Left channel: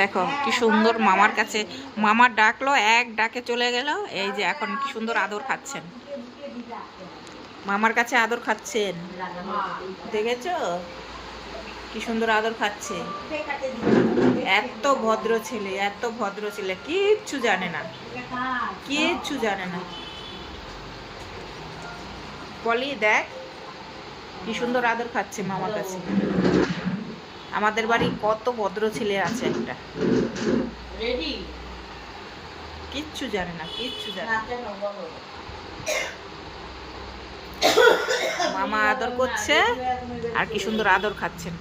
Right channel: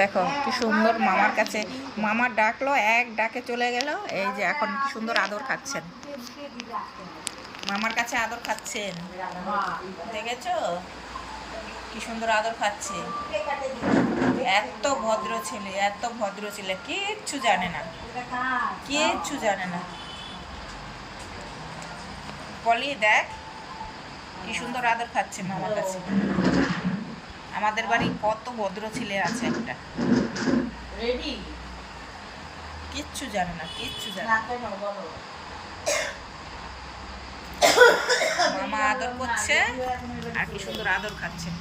দেখো কি সুন্দর মামার কাছে, মামার ডাকলো, এক ডাকে চলে গেল। এই যে এখন কি সুন্দর আদর খাচ্ছেন, মামার কাছে আদর খাচ্ছেন, দেখেছো কি সুন্দর আদর খাচ্ছে। এত ভদ্র ছেলে, এত ভদ্র ছেলে, কিচ্ছু জানে না, কিচ্ছু জানে না। বলি দেখ কি সুন্দর আদর খাচ্ছে মামার কাছে। আমাদের বাড়ির কত ভদ্র ছেলে আছে একটা, রেডি, কিচ্ছু জানে না, কিচ্ছু জানে না। মামা আদর করছে আর কি সুন্দর আদর খাচ্ছেন।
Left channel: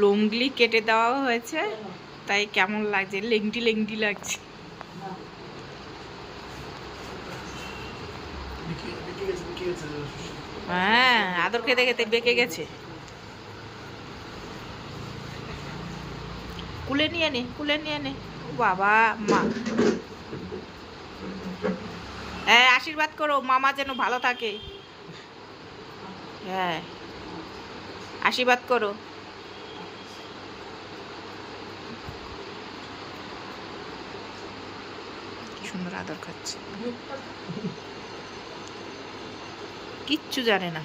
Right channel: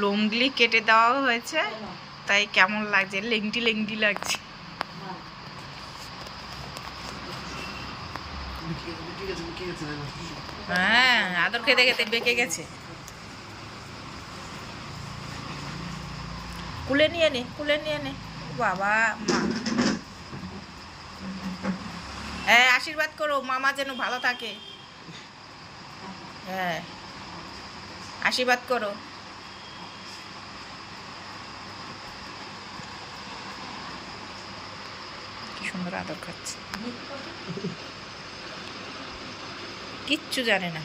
লুঙ্গি কেটে দেওয়া হয়েছে, তাই কেমন লাগছে, লেংটি লেংটি লাগছে। হ্যাঁ, আদর খেতে খেতে বেঁকে গেছে। কুলে নিয়ে নে, কুলে নিয়ে নে। বাবা মা, হ্যাঁ আশীর্বাদ করো মামা যেন ভালো থাকে। হ্যাঁ আশীর্বাদ করো। কি সুন্দর আদর খাচ্ছে, কিচ্ছু জানে না।